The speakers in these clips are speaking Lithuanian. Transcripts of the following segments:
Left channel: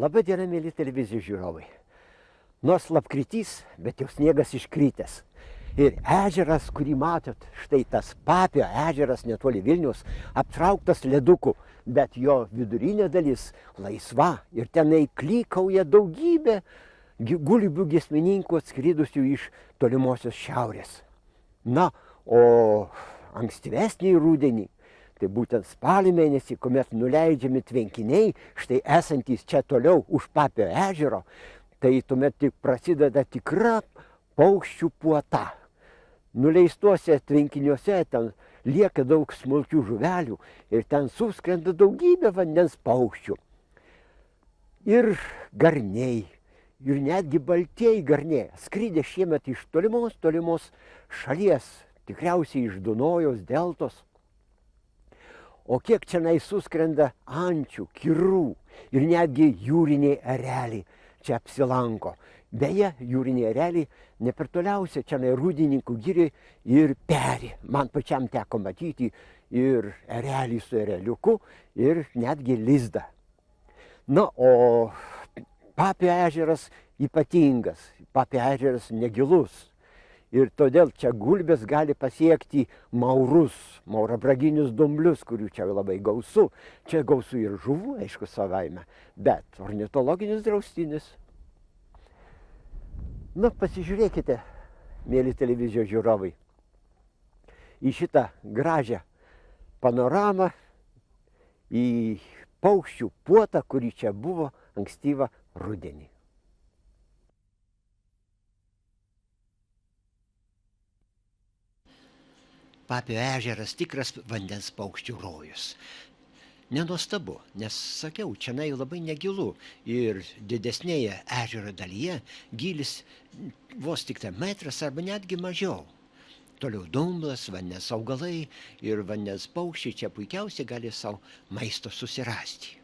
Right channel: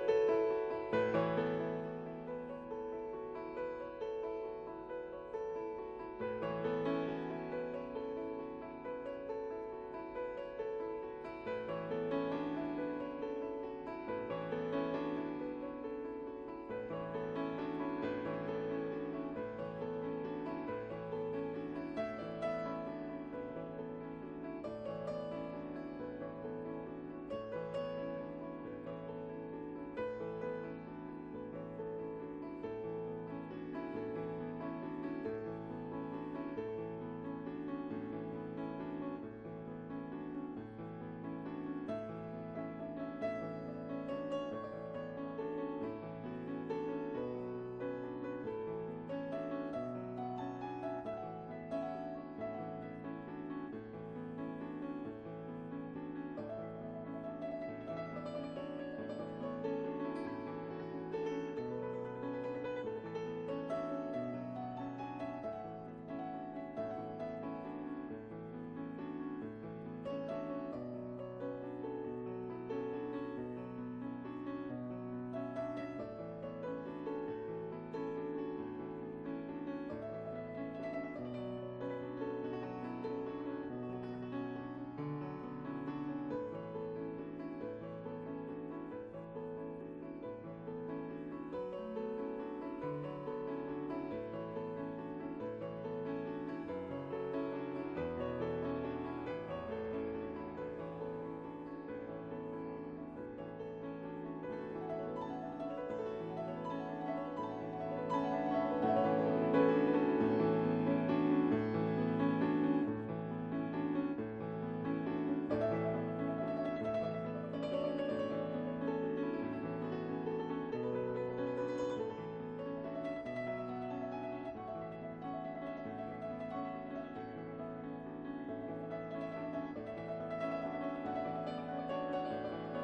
Labai diena, mėly televizijos žiūrovai. Nors lapkritys, bet jau sniegas iškritęs. Ir ežeras, kurį matot, štai tas Papio ežeras netoli Vilniaus, aptrauktas leduku, bet jo vidurinė dalis laisva ir tenai klykauja daugybė gulbių giesmininkų atskridusių iš tolimosios šiaurės. Na, o ankstyvesnį rudenį, tai būtent spalio mėnesį, kuomet nuleidžiami tvenkiniai, štai esantys čia toliau už Papio ežero, tai tuomet tik prasideda tikra paukščių puota. Nuleistuose tvenkiniuose ten lieka daug smulkių žuvelių ir ten suskrenda daugybė vandens paukščių. Ir garniai, ir netgi baltieji garniai, skridė šiemet iš tolimos šalies, tikriausiai iš Dunojaus deltos. O kiek čionai suskrenda ančių, kirų ir netgi jūriniai ereliai čia apsilanko. Beje, jūriniai ereliai ne per toliausia čionai Rūdininkų girioj ir peri. Man pačiam teko matyti ir erelį su ereliuku ir netgi lizdą. Na, o Papio ežeras ypatingas, Papio ežeras negilus. Ir todėl čia gulbės gali pasiekti maurus, maurabraginius dumblius, kurių čia labai gausu. Čia gausu ir žuvų, aišku, savaime, bet ornitologinis draustinis. Na, pasižiūrėkite, mėly televizijos žiūrovai, į šitą gražią panoramą, į paukščių puotą, kuri čia buvo ankstyvą rudenį. Papio ežeras tikras vandens paukščių rojus. Nenuostabu, nes sakiau, čionai labai negilu ir didesnėje ežero dalyje gylis vos tik metras arba netgi mažiau. Toliau dumblas, vandens augalai ir vandens paukščiai čia puikiausiai gali savo maisto susirasti.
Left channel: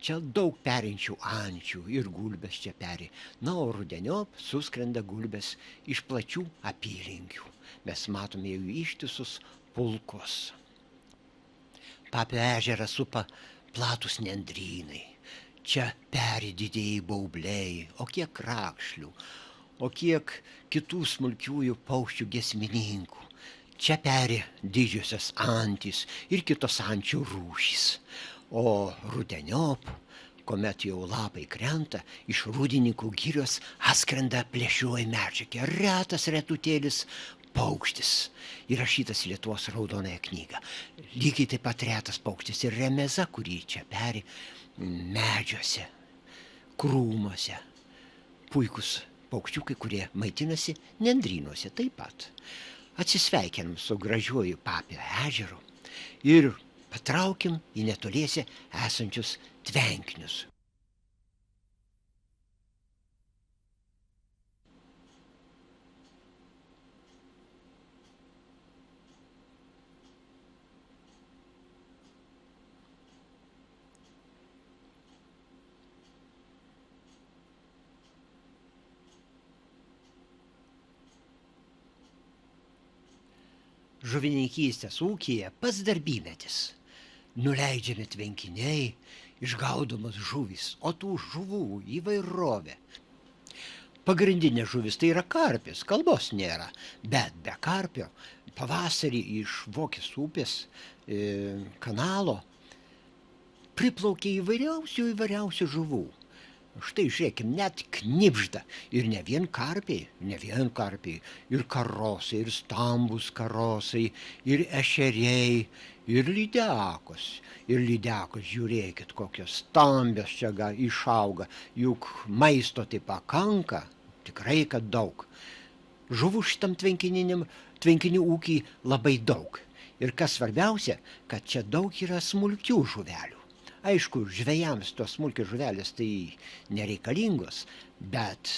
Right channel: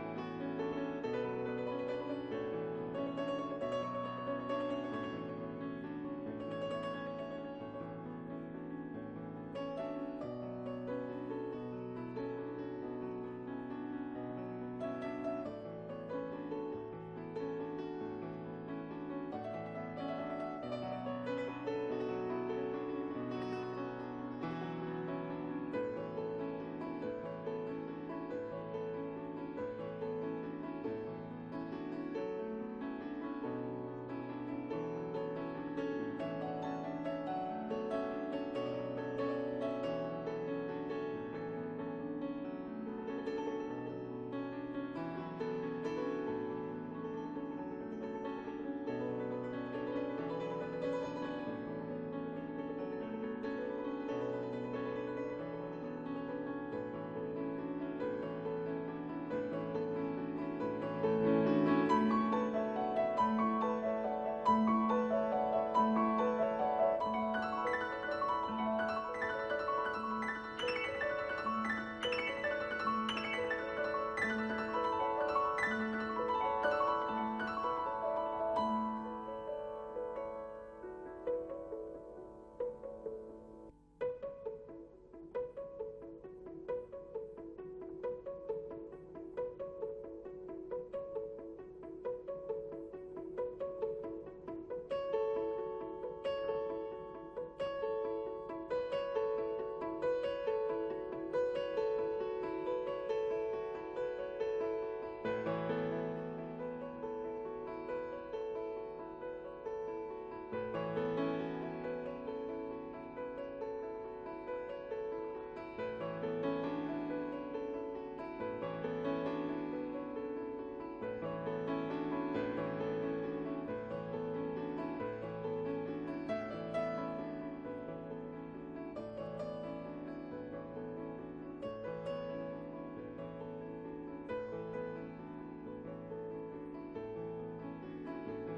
Čia daug perinčių ančių ir gulbės čia peri. Na, o rudeniop suskrenda gulbės iš plačių apylinkių. Mes matome jų ištisus pulkus. Papio ežerą supa platus nendrynai. Čia peri didieji baubliai, o kiek krakšlių, o kiek kitų smulkiųjų paukščių giesmininkų. Čia peri didžiosios antys ir kitos ančių rūšys. O rudeniop, kuomet jau lapai krenta, iš Rūdininkų girios atskrenda plėšrioji medžiagė, retas retutėlis paukštis, įrašytas į Lietuvos raudonąją knygą. Lygiai taip pat retas paukštis ir remeza, kurį čia peri medžiuose, krūmuose. Puikus paukščiukai, kurie maitinasi nendrynuose taip pat. Atsisveikinam su gražiuoju Papio ežeru ir patraukim į netoliese esančius tvenkinius. Žuvininkystės ūkyje pats darbymetis. Nuleidžiami tvenkiniai, išgaudomos žuvys, o tų žuvų įvairovė. Pagrindinė žuvis tai yra karpis, kalbos nėra, bet be karpio pavasarį iš Vokės upės kanalo priplaukia įvairiausių žuvų. Štai žiūrėkim, net knibžda ir ne vien karpiai, ir karosai, ir stambus karosai, ir ešeriai, ir lydekos. Ir lydekos, žiūrėkit, kokios stambios čia išauga, juk maisto tai pakanka, tikrai kad daug. Žuvų šitam tvenkinių ūkį labai daug. Ir kas svarbiausia, kad čia daug yra smulkių žuvelių. Aišku, žvejams tos smulkios žuvelės tai nereikalingos, bet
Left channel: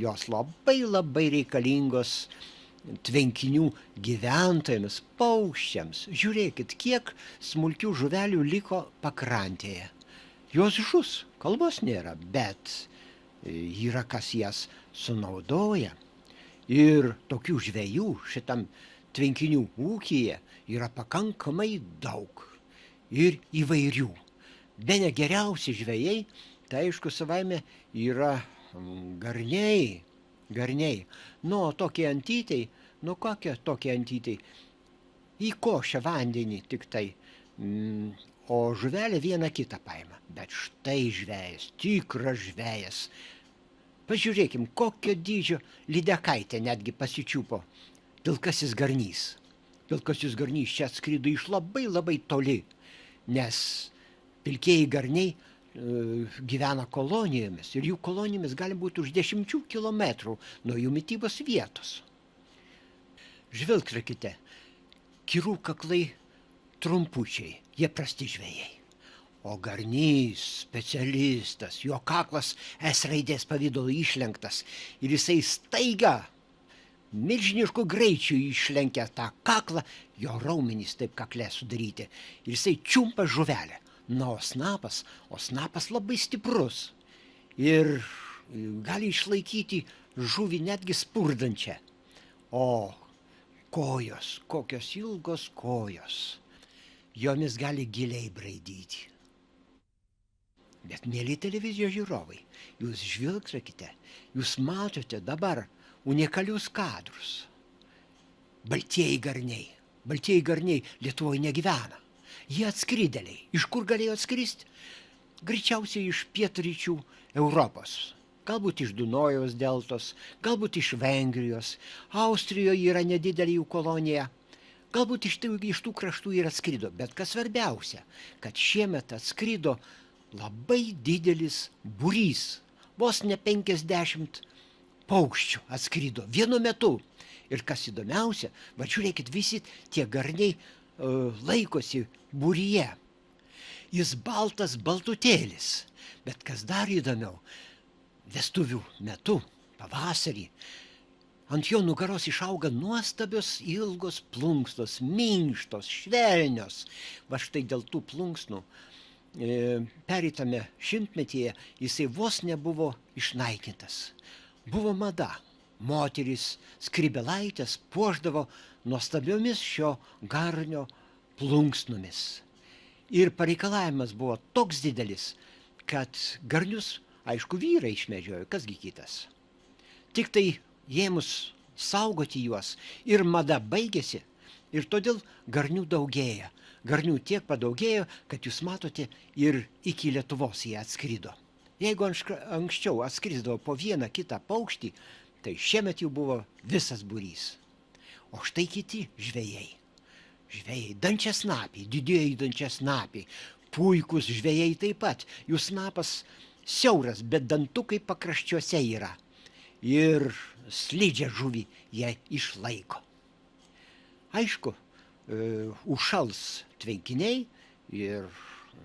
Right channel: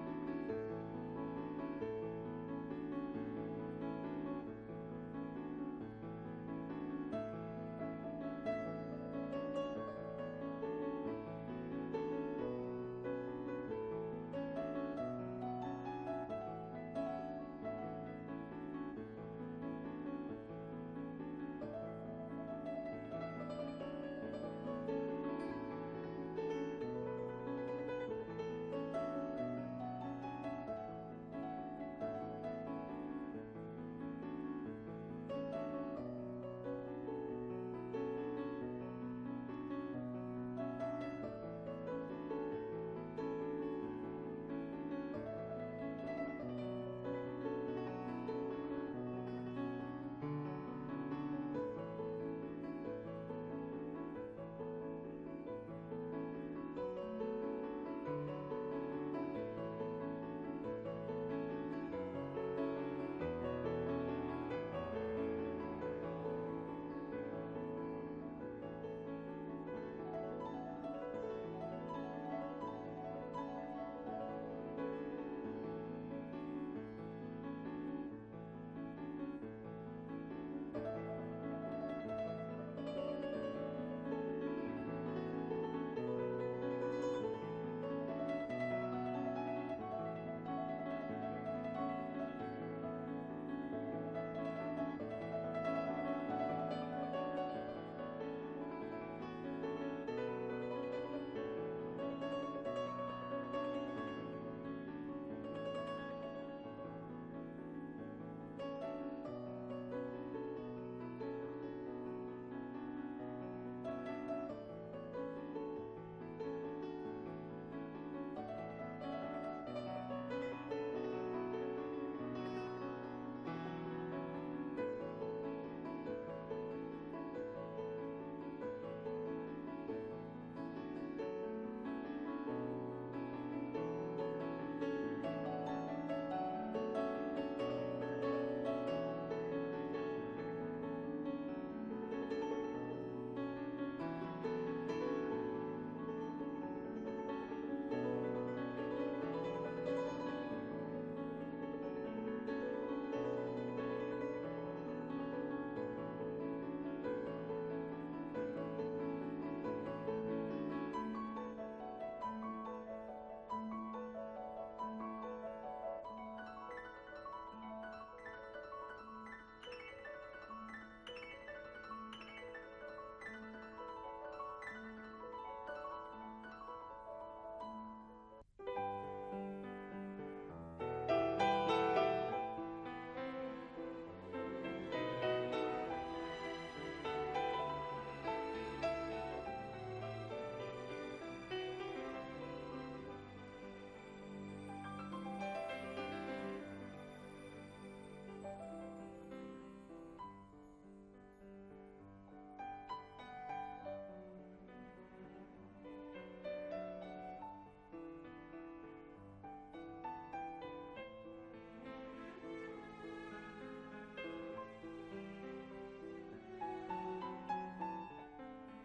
jos labai reikalingos tvenkinių gyventojams, paukščiams. Žiūrėkit, kiek smulkių žuvelių liko pakrantėje. Jos žus, kalbos nėra, bet yra kas jas sunaudoja. Ir tokių žvejų šitam tvenkinių ūkyje yra pakankamai daug ir įvairių. Bene geriausi žvejai Tai aišku, savaime yra garniai. Nu, o tokie antytei, nu kokie tokie antytei? Įkošia vandenį tik tai, o žuvelė vieną kitą paima. Bet štai žvejas, tikras žvejas. Pažiūrėkim, kokio dydžio lydekaitę netgi pasičiupo pilkasis garnys. Pilkasis garnys čia atskrido iš labai toli, nes pilkieji garniai gyvena kolonijomis ir jų kolonijomis gali būti už 10 kilometrų nuo jų mitybos vietos. Žvilgtelkite, kirų kaklai trumpučiai, jie prasti žvejai. O garnys, specialistas, jo kaklas S raidės pavidalo išlenktas ir jisai staiga milžinišku greičiu išlenkia tą kaklą, jo raumenys taip kakle sudaryti ir jisai čiumpa žuvelę. Na, o snapas labai stiprus ir gali išlaikyti žuvį netgi spurdančią. O kojos, kokios ilgos kojos, jomis gali giliai braidyti. Bet, mėly televizijos žiūrovai, jūs žvilgtelkite, jūs matote dabar unikalius kadrus. Baltieji garniai Lietuvoje negyvena. Jie atskridėliai. Iš kur galėjo atskristi? Greičiausiai iš pietryčių Europos. Galbūt iš Dunojaus deltos, galbūt iš Vengrijos. Austrijoje yra nedidelė jų kolonija. Galbūt iš tų kraštų ir atskrido. Bet kas svarbiausia, kad šiemet atskrido labai didelis būrys. Vos ne 50 paukščių atskrido vienu metu. Ir kas įdomiausia, va žiūrėkit, visi tie garniai laikosi būryje. Jis baltutėlis, bet kas dar įdomiau, vestuvių metu, pavasarį, ant jo nugaros išauga nuostabios ilgos plunksnos, minkštos, švelnios. Va štai dėl tų plunksnų pereitame šimtmetyje jisai vos nebuvo išnaikintas. Buvo mada. Moterys skrybėlaitės puošdavo nuostabiomis šio garnio plunksnomis. Ir pareikalavimas buvo toks didelis, kad garnius, aišku, vyrai išmedžiojo, kasgi kitas. Tik tai ėmus saugoti juos ir mada baigėsi ir todėl garnių daugėja. Garnių tiek padaugėjo, kad jūs matote ir iki Lietuvos jie atskrido. Jeigu anksčiau atskrisdavo po vieną kitą paukštį, tai šiemet jau buvo visas būrys. O štai kiti žvejai. Žvejai, dančiasnapiai, didieji dančiasnapiai, puikūs žvejai taip pat. Jų snapas siauras, bet dantukai pakraščiuose yra. Ir slidžią žuvį jie išlaiko. Aišku, užšals tvenkiniai ir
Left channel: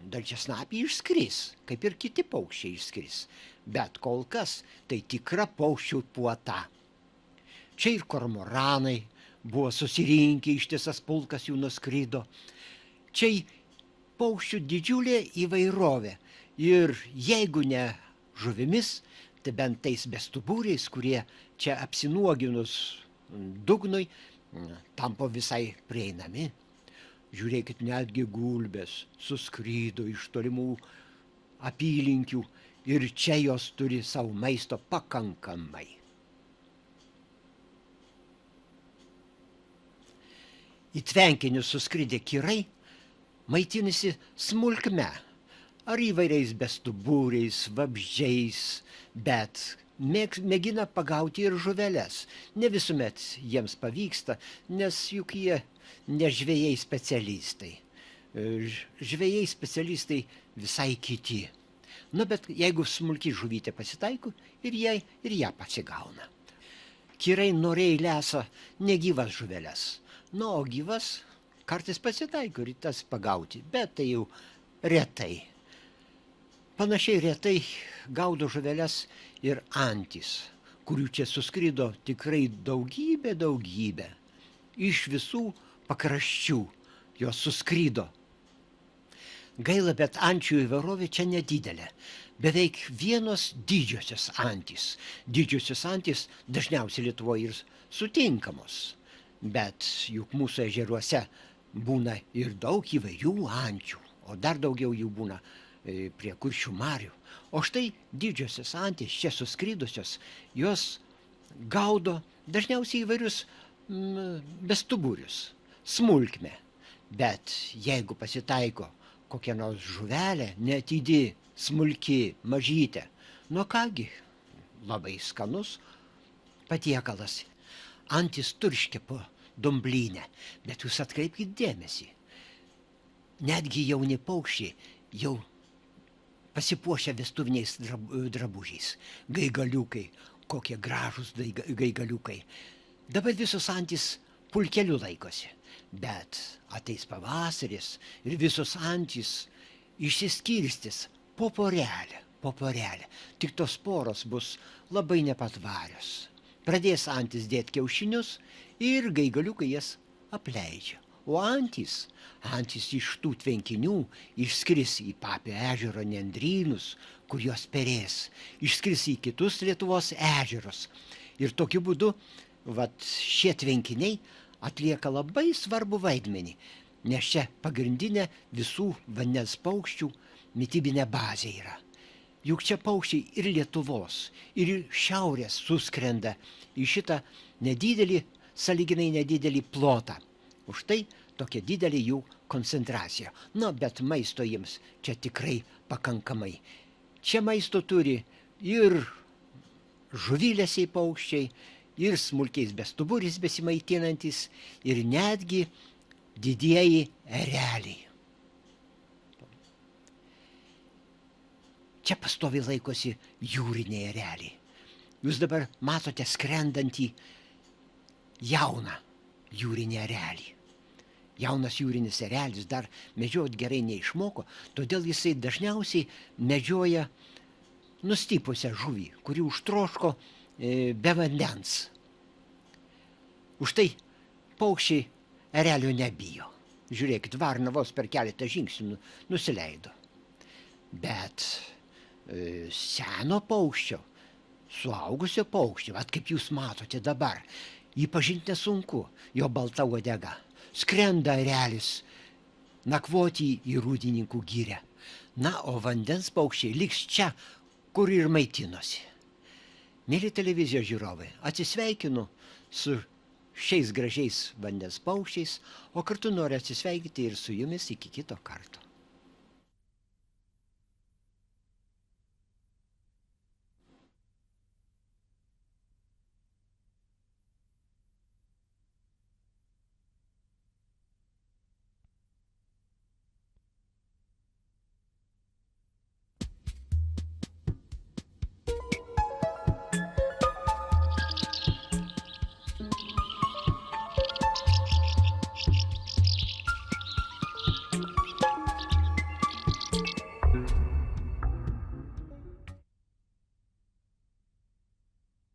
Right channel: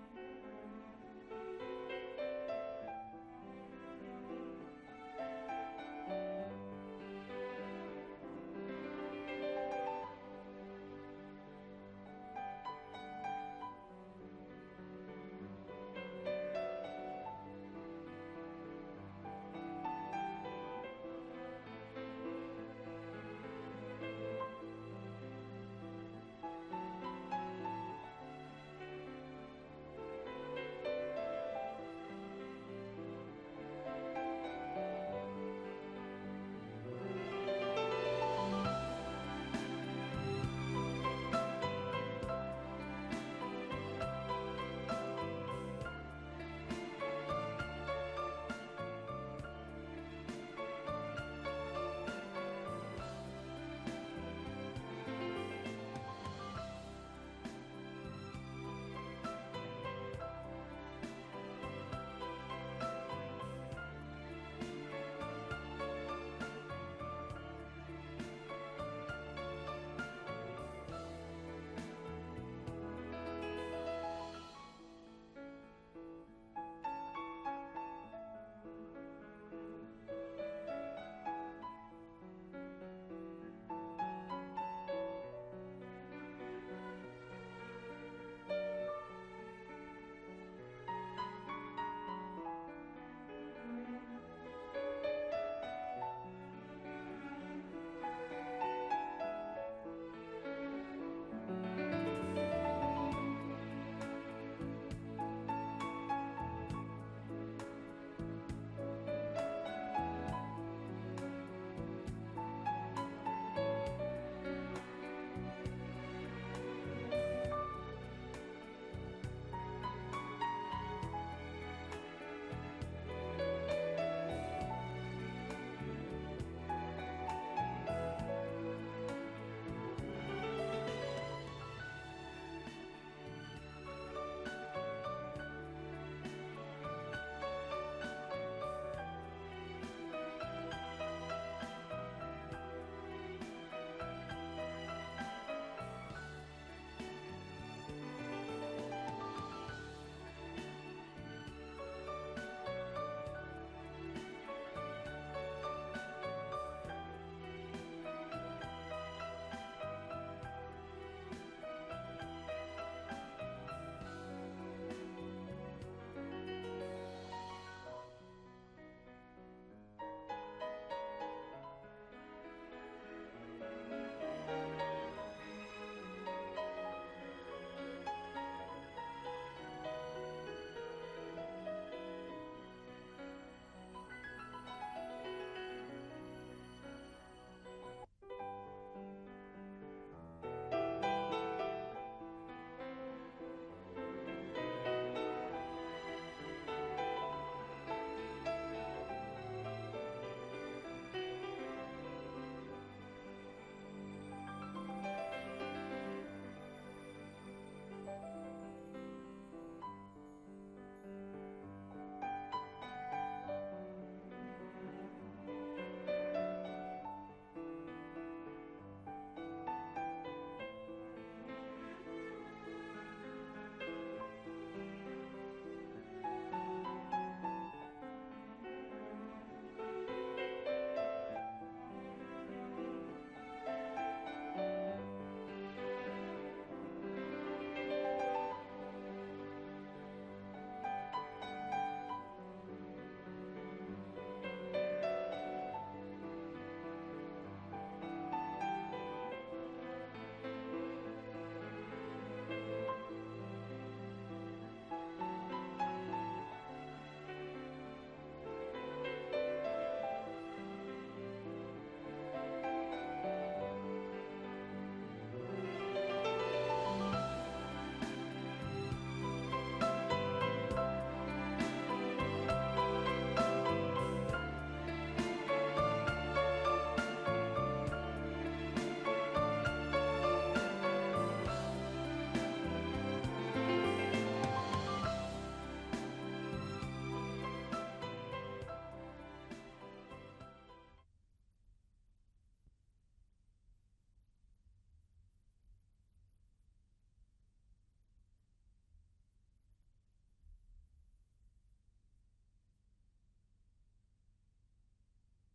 dančiasnapiai išskris, kaip ir kiti paukščiai išskris. Bet kol kas tai tikra paukščių puota. Čia ir kormoranai buvo susirinkę, ištisas pulkas jų nuskrido. Čia paukščių didžiulė įvairovė. Ir jeigu ne žuvimis, tai bent tais bestuburiais, kurie čia apsinuoginus dugnui, tampa visai prieinami. Žiūrėkit, netgi gulbės suskrydo iš tolimų apylinkių ir čia jos turi savo maisto pakankamai. Į tvenkinius suskridę kirai maitinasi smulkme, ar įvairiais bestuburiais, vabzdžiais, bet mėgina pagauti ir žuveles. Ne visuomet jiems pavyksta, nes juk jie ne žvejai specialistai. Žvejai specialistai visai kiti. Nu, bet jeigu smulki žuvytė pasitaiko, ir ją pasigauna. Kirai noriai lesa negyvas žuveles. Nu, o gyvas kartais pasitaiko ir tas pagauti, bet tai jau retai. Panašiai retai gaudo žuveles ir antys, kurių čia suskrido tikrai daugybė. Iš visų pakraščių jos suskrido. Gaila, bet ančių įvairovė čia nedidelė. Beveik vienos didžiosios antys. Didžiosios antys dažniausiai Lietuvoje ir sutinkamos. Bet juk mūsų ežeruose būna ir daug įvairių ančių, o dar daugiau jų būna prie Kuršių marių. O štai didžiosios antys čia suskridusios, jos gaudo dažniausiai įvairius bestuburius, smulkmę. Bet jeigu pasitaiko kokia nors žuvelė, neatydi, smulki, mažytė, nu kągi, labai skanus patiekalas. Antis turškia po dumblynę, bet jūs atkreipkite dėmesį. Netgi jauni paukščiai jau pasipuošia vestuviniais drabužiais. Gaigaliukai, kokie gražūs gaigaliukai. Dabar visos antys pulkeliu laikosi, bet ateis pavasaris ir visos antys išsiskirstys po porelę. Tik tos poros bus labai nepatvarios. Pradės antys dėti kiaušinius ir gaigaliukai jas apleidžia. O antys iš tų tvenkinių išskris į Papio ežero nendrynus, kur jos perės, išskris į kitus Lietuvos ežerus. Ir tokiu būdu šie tvenkiniai atlieka labai svarbų vaidmenį, nes čia pagrindinė visų vandens paukščių mitybinė bazė yra. Juk čia paukščiai ir Lietuvos, ir šiaurės suskrenda į šitą sąlyginai nedidelį plotą. Už tai tokia didelė jų koncentracija. Bet maisto jiems čia tikrai pakankamai. Čia maisto turi ir žuvilesiai paukščiai, ir smulkiais bestuburiais besimaitinantis, ir netgi didieji ereliai. Čia pastoviai laikosi jūriniai ereliai. Jūs dabar matote skrendantį jauną jūrinį erelį. Jaunas jūrinis erelis dar medžiot gerai neišmoko, todėl jisai dažniausiai medžioja nustypusią žuvį, kuri užtroško be vandens. Už tai paukščiai erelio nebijo. Žiūrėkit, varna vos per keletą žingsnių nusileido. Bet seno paukščio, suaugusio paukščio, kaip jūs matote dabar, jį pažinti nesunku, jo balta uodega. Skrenda erelis nakvoti į rūdininkų girią. O vandens paukščiai liks čia, kur ir maitinosi. Mėly televizijos žiūrovai, atsisveikinu su šiais gražiais vandens paukščiais, o kartu noriu atsisveikinti ir su jumis iki kito karto.